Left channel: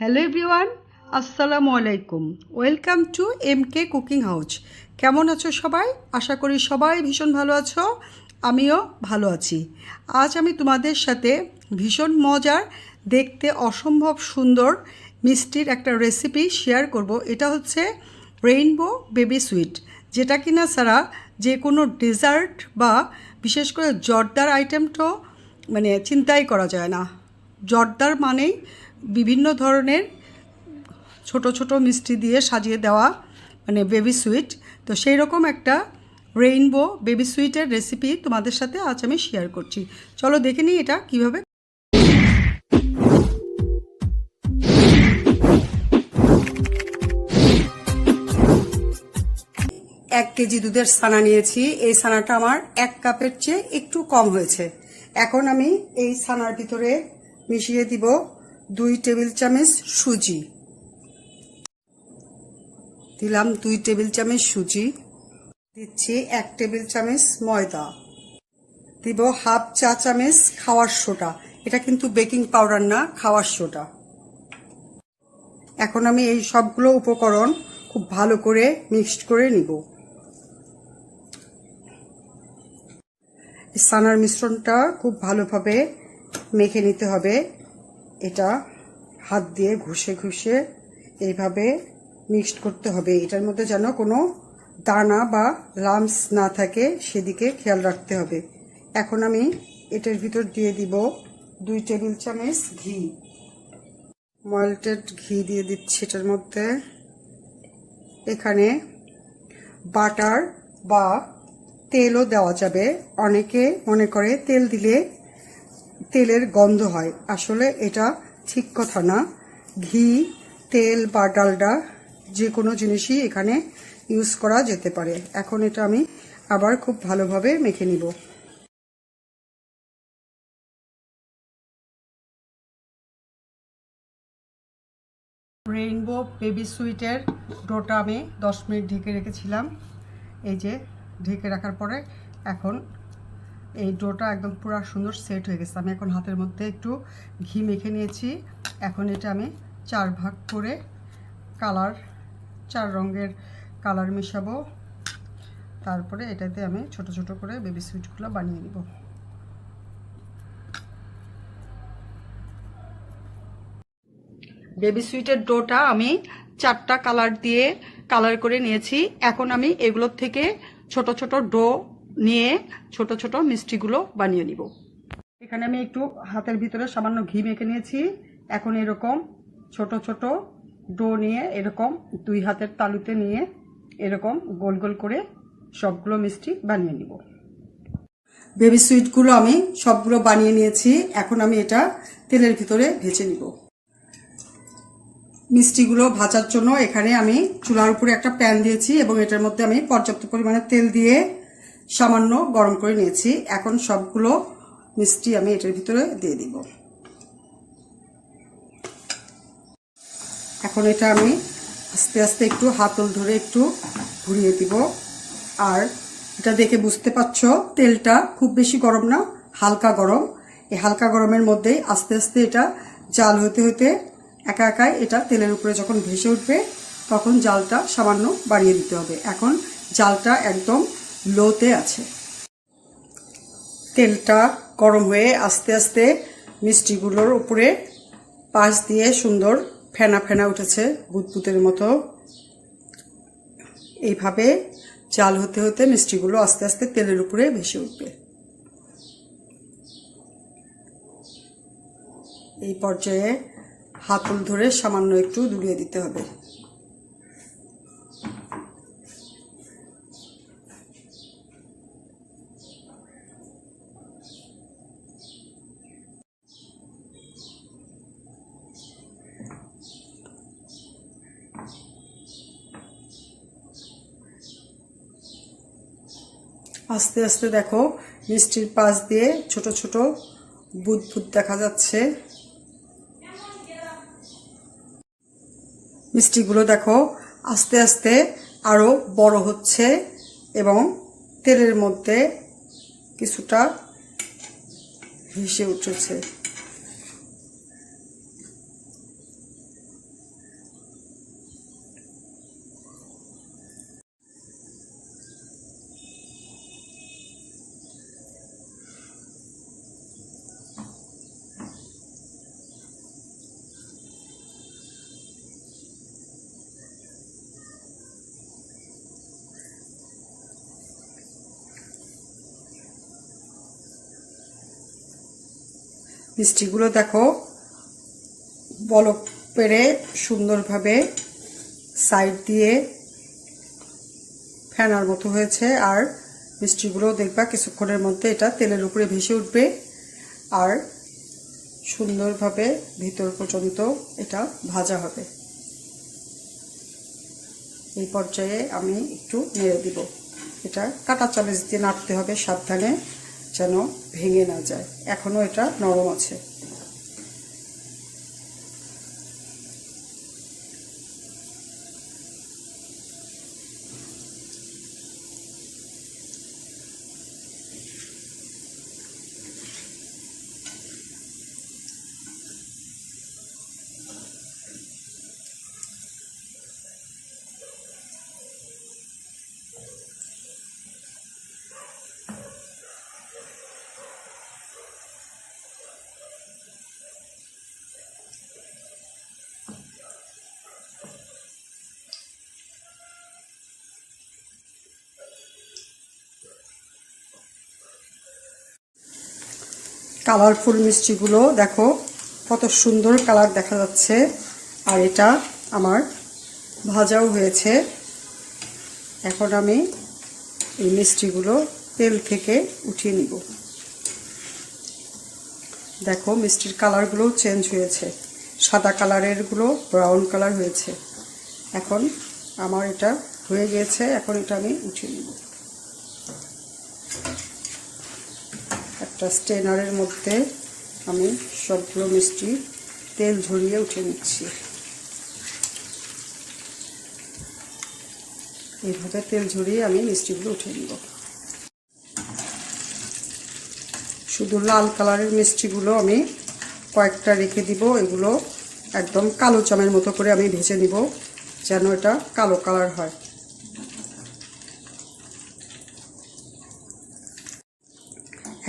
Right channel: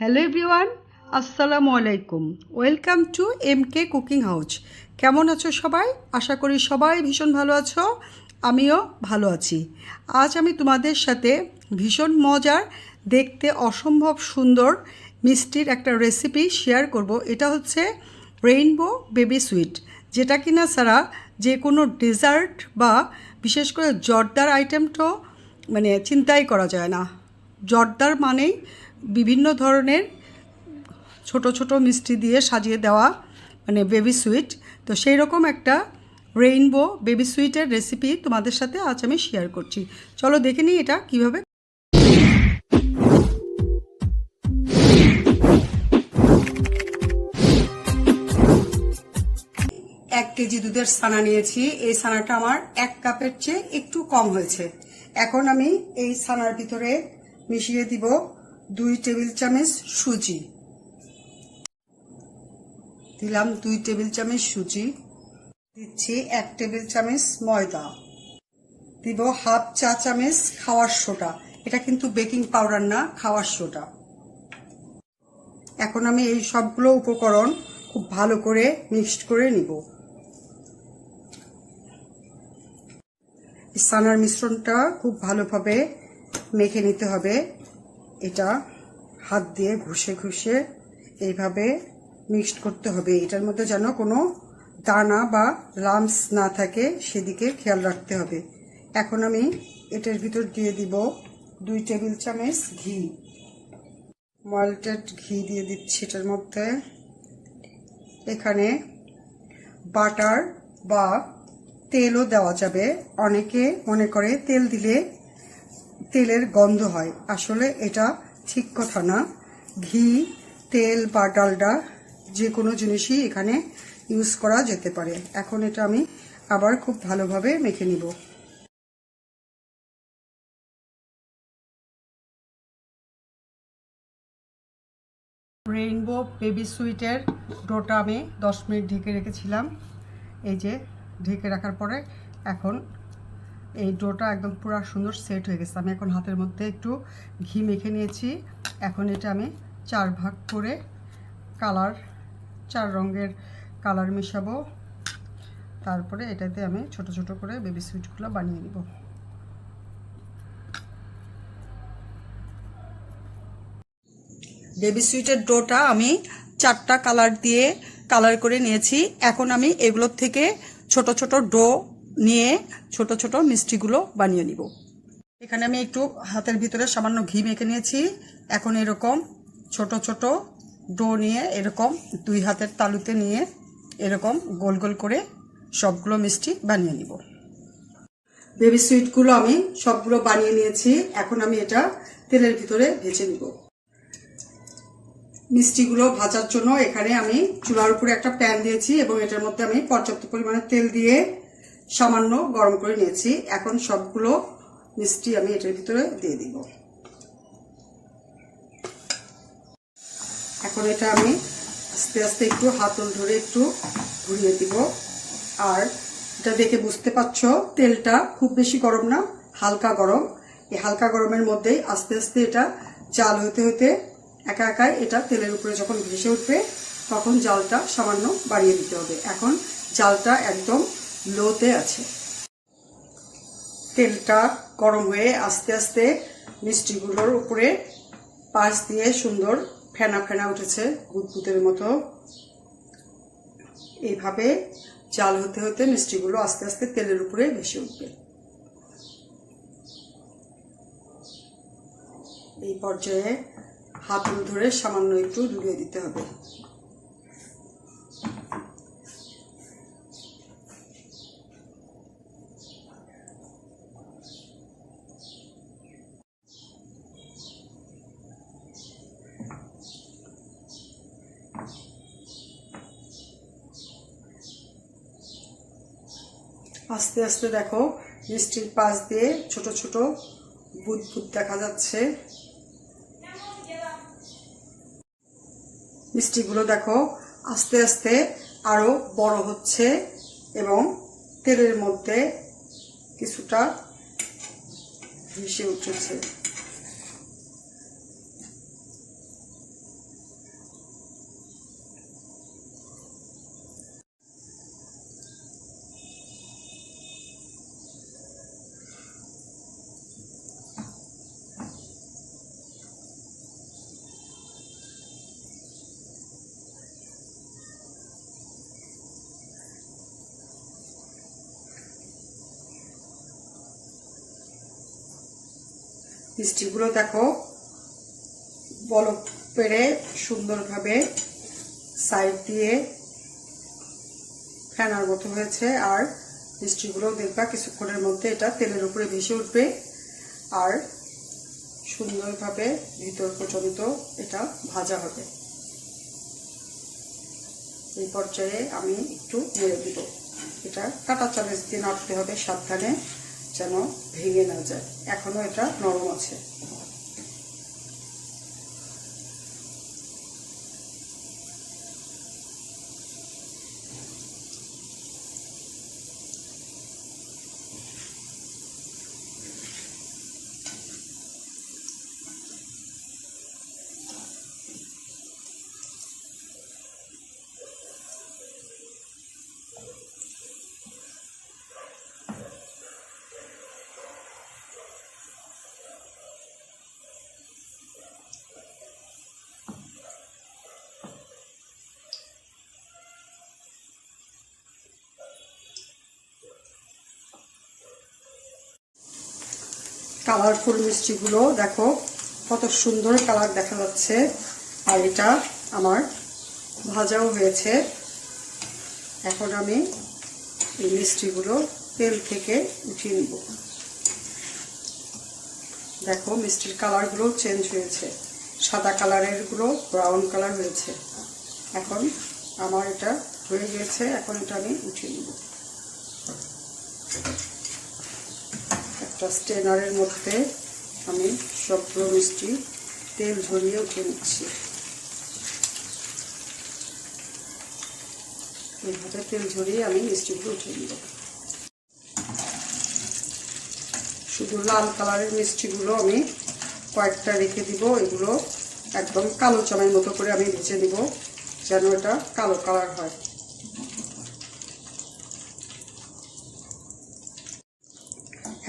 Hello everyone, আসসালামু আলাইকুম। Welcome to MK cooking house. কেমন আছো সবাই? আশা করি সবাই ভীষণ ভালো আছো, আমিও ভালো আছি। আজ আমি তোমাদের সাথে ভীষণ মজার, দেখতে অসম্ভব সুন্দর মিষ্টির একটা রেসিপি শেয়ার করব। এটা হচ্ছে রেইনবো বেবি সুইট, যেটা কিনা ছাড়া যে কোনো ডেজার্ট বা বিশেষ করে জর্দার আইটেমটাও চিন্তাই করা যায় না। জর্দার মানেই বিভিন্ন ধরনের ছোট ছোট মিষ্টি দিয়ে সাজিয়ে দেওয়া বেবি সুইট। তো সেই রকম একটা রেইনবো বেবি সুইটের রেসিপি তোমাদের সাথে আজ আমি শেয়ার করছি। চলো দেখে নিই এটা কিভাবে। 1 কেজি দুধের ছানা নিয়েছি। এই ছানাটা আমার 1 কাপের চেয়ে একটু কম হয়েছে। এখন আমি এই ছানার ভিতরে মিশিয়ে দিব 2 টেবিল চামচ সুজি। দিলাম 2 টেবিল চামচ সুজি, দিচ্ছি 1 টেবিল চামচ ময়দা, দিব হাফ চা চামচ খাওয়ার সোডা। এটা কিন্তু বেকিং পাউডার না, খাওয়ার সোডা। এখন আমি এই সবগুলো উপকরণ খুব ভালো করে মিক্সড করে নিব। ছানার মিশ্রণটা খুব ভালোভাবে মেখে নিতে হবে। এটা হাত দিয়ে ঘষে ঘষে এইভাবে মিক্সড করতে হবে। এটার মধ্যে যেন কোনো দানা বা লাম্পস না থাকে, সেদিকে খেয়াল রাখতে হবে। এখন আমি এটার ভিতর দিয়ে দিব 2 টেবিল চামচ ঘি, মল্টেড ঘি দিয়ে দিচ্ছি এটার মধ্যে। এখানে বাটার বা তেলও দেওয়া যাবে। অনেকে মনে করে তেল দিলে তেলের গন্ধ হয়, আসলে এটা ঠিক কথা না। ঘি, তেল বা ডালডা যে কোনো জিনিসই এখানে ইউজ করা যেতে পারে। এখন এটা আমি আবার খুব ভালোভাবে মেখে নিব। রেইনবো বেবি সুইটের ডোটা আমি 10 মিনিট ঢেকে রেখেছিলাম। এই যে ঢেকে রাখার পরে এখন এই ডোটা একদম পুরো সুন্দর সেট হয়ে গেছে। আমি এখন হাতের মধ্যে একটু ঘি মেখে নিয়েছি। এখন এটা আমি 4 ভাগ করে 4 রঙের কালার মেশাবো। তারপরে এটাতে আমি ছোট ছোট করে বেবি সুইটগুলো বানিয়ে নিব। বেবি সুইটের ডোটা আমি 4টা কালার দিয়ে কালার করে নিয়েছি। এখন আমি এগুলোর থেকে ছোট ছোট ডো নিয়ে ছোট ছোট মিষ্টিগুলো বানিয়ে নিব। এখানে আমি একটু হাতের ভিতরে সামান্য ঘি মেখে নিয়েছি। এখন এরকম ছোট ছোট ডো নিয়ে এরকম 2 হাতের তালুতে নিয়ে এরকম গোল গোল করে সবগুলো মিষ্টি বানিয়ে নিব। বেবি সুইটগুলো আমি সবগুলো বানিয়ে নিয়েছি। এখন আমি এটা তেলের ভিতরে ভেজে নিব। মিষ্টিগুলো ভাজার জন্য এখানে আমি চুলার উপরে একটা প্যান দিয়েছি এবং এটার মধ্যে আমি পর্যাপ্ত পরিমাণে তেল দিয়ে সামান্য গরম করে নিয়েছি। এখন সবগুলো মিষ্টি আমি এটার ভিতরে দিয়ে দিব। এখন এটা আমি আস্তে আস্তে একটু হাতল ধরে একটু ঘুরিয়ে দিব। আর এটা দেখে বুঝতে পারছো তেলটা খুব বেশি গরম না, হালকা গরম। এই হালকা গরমের মধ্যেই আস্তে আস্তে এটা জাল হতে হতে একা একাই এটা তেলের উপরে যখন ভেসে উঠবে তখন জালটা সামান্য বাড়িয়ে দিতে হবে। এখন জালটা একদম লোতে আছে। তেলটা গরম হয়ে আস্তে আস্তে মিষ্টিগুলোর উপরে পাশ দিয়ে সুন্দর ফেনা ফেনা উঠেছে, বুদবুদের মতো। এইভাবে জাল হতে হতে মিষ্টিগুলো আস্তে আস্তে তেলের উপরে ভেসে উঠবে। এই পর্যায়ে হাতল ধরে সামান্য একটু ডুবিয়ে দিতে হবে। আস্তে আস্তে দেখো মিষ্টির পাশ দিয়ে ছোট ছোট বুদবুদ দেখা যাচ্ছে। মিষ্টিগুলো দেখো আস্তে আস্তে আরো বড় হচ্ছে এবং তেলের মধ্যে কিছুটা ভেসে উঠেছে। মিষ্টিগুলো দেখো বলক পেরে সুন্দরভাবে সাইড দিয়ে ফেনার মতো হয়েছে। আর মিষ্টিগুলো দেখবা কিছুক্ষণের মধ্যে এটা তেলের উপরে ভেসে উঠবে আর সুন্দরভাবে ভিতর পর্যন্ত এটা ভাজা হবে। এই পর্যায়ে আমি একটু নেড়ে দিব। এটা কাঁটা চামচ দিয়ে নাড়তে হবে সাবধানে, যেন ভেঙে না যায়। এখনো এটা নরম আছে। কালারফুল মিষ্টিগুলো দেখো কত সুন্দর কালার দেখা যাচ্ছে। আর এটা আমার ভাজাও হয়েছে। এখন আমি এই মিষ্টিগুলো তেল থেকে উঠিয়ে নিব। দেখো মিষ্টির কালারগুলো চেঞ্জ হয়েছে, সাদা কালারের গুলো ব্রাউন কালার হয়েছে। এখন আমার এটা হয়ে গেছে। এখন এটা আমি উঠিয়ে নিব। একটা স্ট্রেনারের মধ্যে আমি সবগুলো মিষ্টি তেল ঝরিয়ে উঠিয়ে নিচ্ছি। এইভাবে তেল ঝরিয়ে আমি মিষ্টিগুলো উঠিয়ে নিব। শুধু লাল কালারের মিষ্টিগুলো আমি কয়েকটা রেখে দিব। এগুলো একদম কালো চামের মতো করে আমি ভেজে নিব, যেন এটা কালো কালার হয়।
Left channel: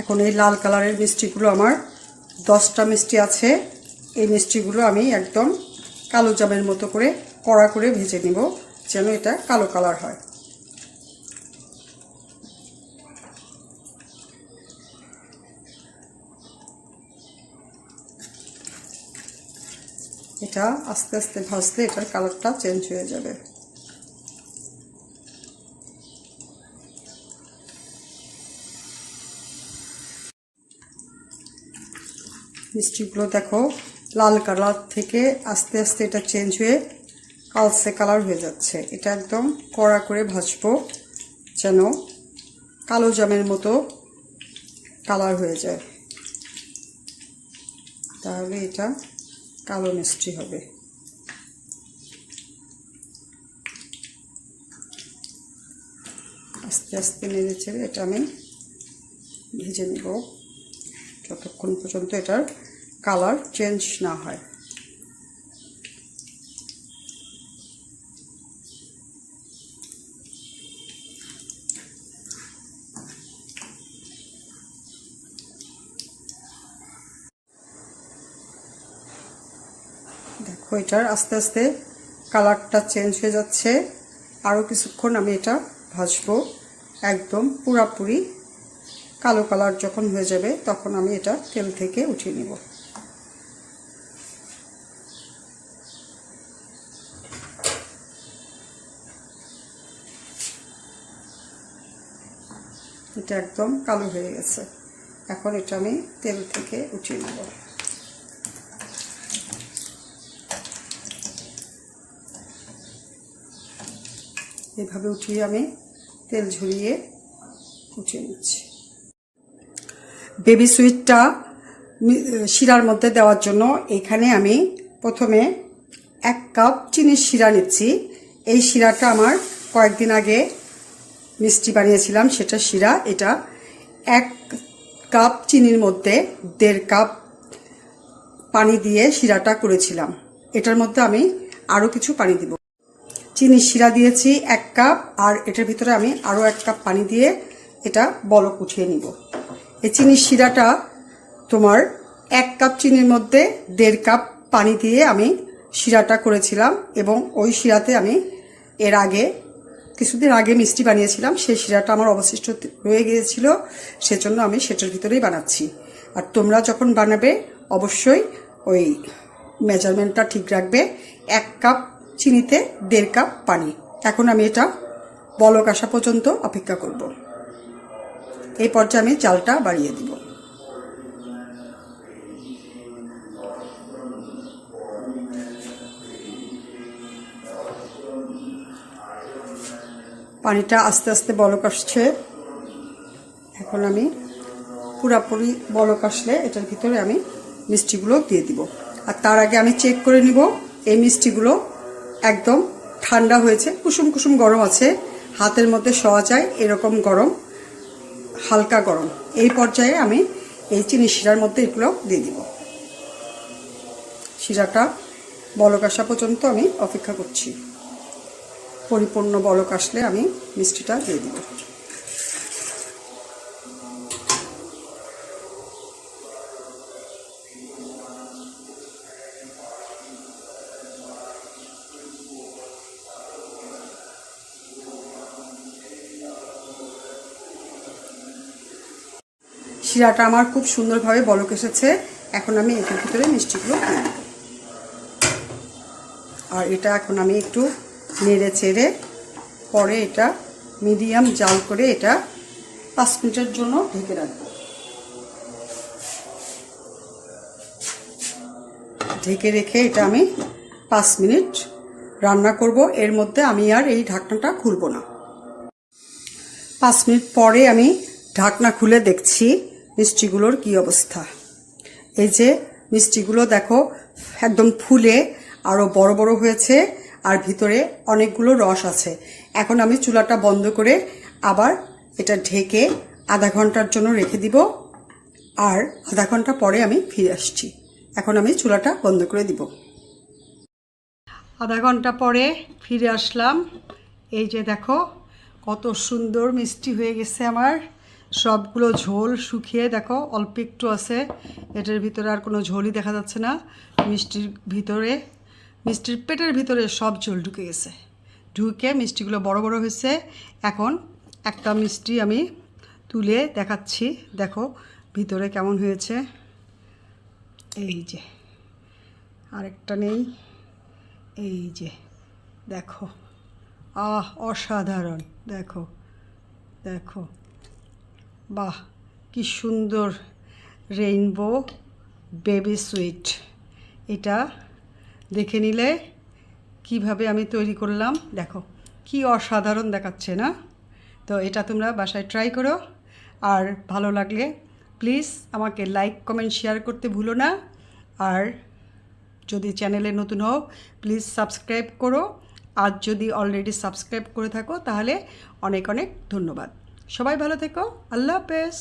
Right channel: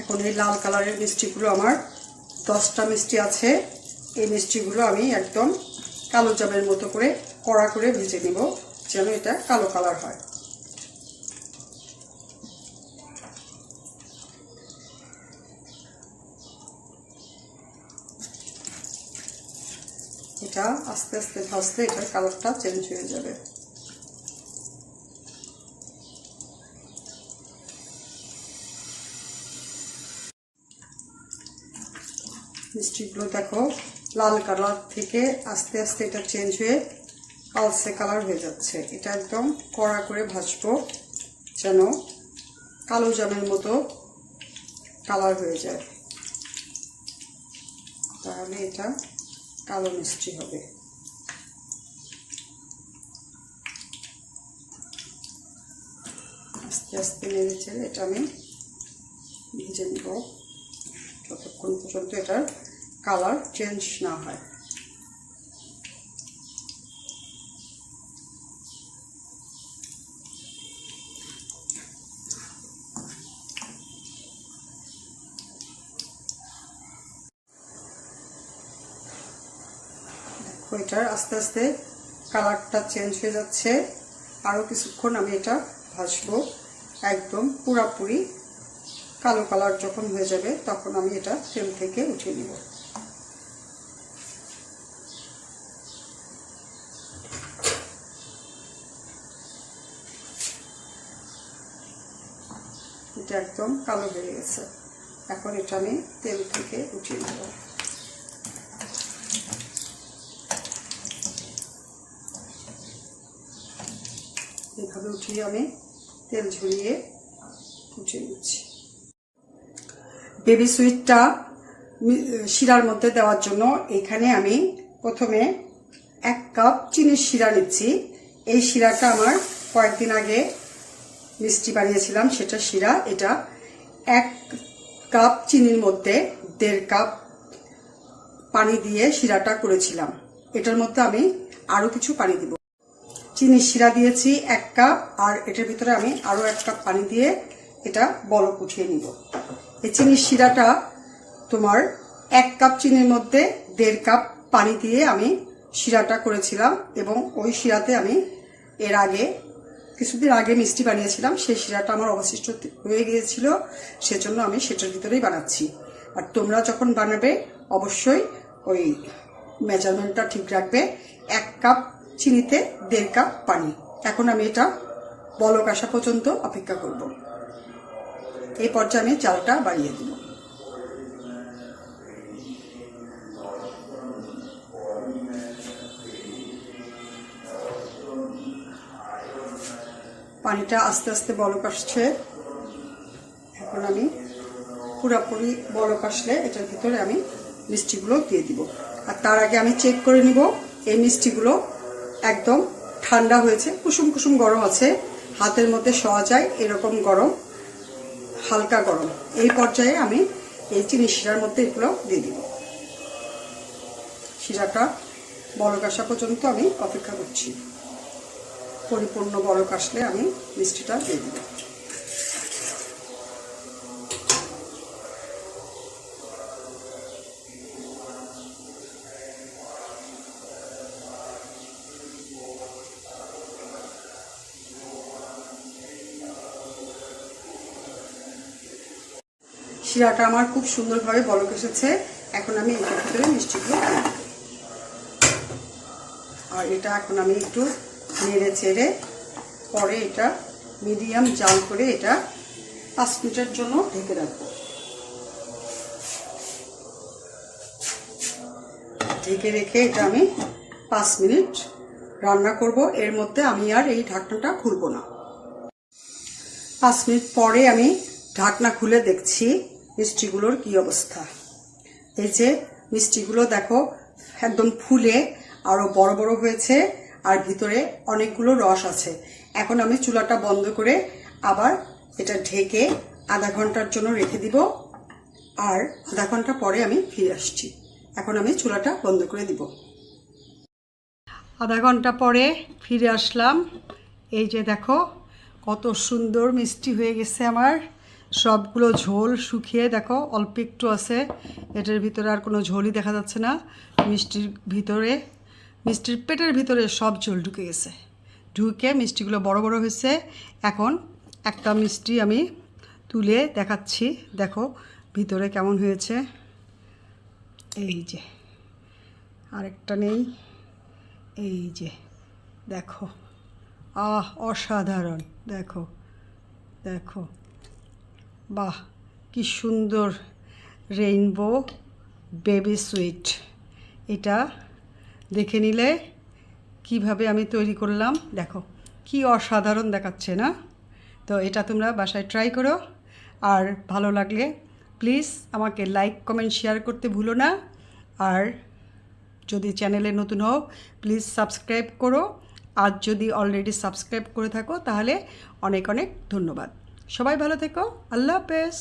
এখন এই লাল কালারের মিষ্টিগুলো আমার 10টা মিষ্টি আছে। এই মিষ্টিগুলো আমি একদম কালো জামের মতো করে কড়া করে ভেজে নিব, যেন এটা কালো কালার হয়। এটা আস্তে আস্তে ভাজলে এটার কালারটা চেঞ্জ হয়ে যাবে। মিষ্টিগুলো দেখো লাল কালার থেকে আস্তে আস্তে এটা চেঞ্জ হয়ে কালচে কালার হয়ে যাচ্ছে। এটা একদম কড়া করে ভাজবো, যেন কালো জামের মতো কালার হয়ে যায়। তাহলে এটা কালো মিষ্টি হবে। আস্তে আস্তে নেড়ে চেড়ে এটা আমি ভেজে নেব, যতক্ষণ পর্যন্ত এটার কালার চেঞ্জ না হয়। দেখো এটার আস্তে আস্তে কালারটা চেঞ্জ হয়ে যাচ্ছে। আরও কিছুক্ষণ আমি এটা ভাজবো, একদম পুরাপুরি কালো কালার যখন হয়ে যাবে তখন আমি এটা তেল থেকে উঠিয়ে নিব। এটা একদম কালো হয়ে গেছে। এখন এটা আমি তেল থেকে উঠিয়ে নেব। এভাবে উঠিয়ে আমি তেল ঝরিয়ে উঠিয়ে নিচ্ছি। বেবি সুইটটা শিরার মধ্যে দেওয়ার জন্য এখানে আমি প্রথমে 1 কাপ চিনির শিরা নিচ্ছি। এই শিরাটা আমার কয়েকদিন আগে মিষ্টি বানিয়েছিলাম, সেটা শিরা। এটা 1 কাপ চিনির মধ্যে 1.5 কাপ পানি দিয়ে শিরাটা করেছিলাম। এটার মধ্যে আমি আরও কিছু পানি দিব। চিনির শিরা দিয়েছি 1 কাপ, আর এটার ভিতরে আমি আরও 1 কাপ পানি দিয়ে এটা বলক উঠিয়ে নিব। এই চিনির শিরাটা তোমার 1 কাপ চিনির মধ্যে 1.5 কাপ পানি দিয়ে আমি শিরাটা করেছিলাম, এবং ওই শিরাতে আমি এর আগে কিছুদিন আগে মিষ্টি বানিয়েছিলাম। সেই শিরাটা আমার অবশিষ্ট রয়ে গিয়েছিল, সেজন্য আমি সেটার ভিতরেই বানাচ্ছি। আর তোমরা যখন বানাবে অবশ্যই ওই মেজারমেন্টটা ঠিক রাখবে। 1 কাপ চিনিতে 1.5 কাপ পানি। এখন আমি এটা বলক আসা পর্যন্ত অপেক্ষা করব। এই পর্যায়ে আমি চালটা বাড়িয়ে দিব। পানিটা আস্তে আস্তে বলক আসছে। এখন আমি পুরোপুরি বলক আসলে এটার ভিতরে আমি মিষ্টিগুলো দিয়ে দিব। আর তার আগে আমি চেক করে নিব এই মিষ্টিগুলো একদম ঠান্ডা হয়েছে, কুসুম কুসুম গরম আছে, হাতের মধ্যে শোয়া যায় এরকম গরম, হালকা গরম। এই পর্যায়ে আমি এই চিনি শিরার মধ্যে এগুলো দিয়ে দিব। শিরাটা বলক আসা পর্যন্ত আমি অপেক্ষা করছি। পরিপূর্ণ বলক আসলে আমি মিষ্টিটা দিয়ে দিব। শিরাটা আমার খুব সুন্দরভাবে বলক এসেছে। এখন আমি এটার ভিতরে মিষ্টিগুলো দিয়ে দিব। আর এটা এখন আমি একটু নেড়ে চেড়ে পরে এটা মিডিয়াম জাল করে এটা 5 মিনিটের জন্য ঢেকে রাখবো। ঢেকে রেখে এটা আমি 5 মিনিট রান্না করব। এর মধ্যে আমি আর এই ঢাকনাটা খুলব না। 5 মিনিট পরে আমি ঢাকনা খুলে দেখছি মিষ্টিগুলোর কি অবস্থা। এই যে মিষ্টিগুলো দেখো একদম ফুলে আরো বড় বড় হয়েছে আর ভিতরে অনেকগুলো রস আছে। এখন আমি চুলাটা বন্ধ করে আবার এটা ঢেকে আধা ঘন্টার জন্য রেখে দিব। আর আধা ঘন্টা পরে আমি ফিরে আসছি। এখন আমি চুলাটা বন্ধ করে দিব। আধা ঘন্টা পরে ফিরে আসলাম। এই যে দেখো কত সুন্দর মিষ্টি হয়ে গেছে আমার। সবগুলো ঝোল শুকিয়ে দেখো অল্প একটু আছে, এটার ভিতরে আর কোনো ঝোলই দেখা যাচ্ছে না। মিষ্টির পেটের ভিতরে সব ঝোল ঢুকে গেছে। ঢুকে মিষ্টিগুলো বড় বড় হয়েছে। এখন একটা মিষ্টি আমি তুলে দেখাচ্ছি, দেখো ভিতরে কেমন হয়েছে। এই যে আরেকটা নেই, এই যে দেখো, অসাধারণ। দেখো দেখো, বাহ কি সুন্দর রেইনবো বেবি সুইট। এটা দেখে নিলে কিভাবে আমি তৈরি করলাম, দেখো কি অসাধারণ দেখাচ্ছে না? তো এটা তোমরা বাসায় ট্রাই করো। আর ভালো লাগলে প্লিজ আমাকে লাইক কমেন্ট শেয়ার করতে ভুলো না। আর যদি চ্যানেলে নতুন হও প্লিজ সাবস্ক্রাইব করো। আর যদি অলরেডি সাবস্ক্রাইব করে থাকো তাহলে অনেক অনেক ধন্যবাদ। সবাই ভালো থেকো। আল্লাহ হাফেজ।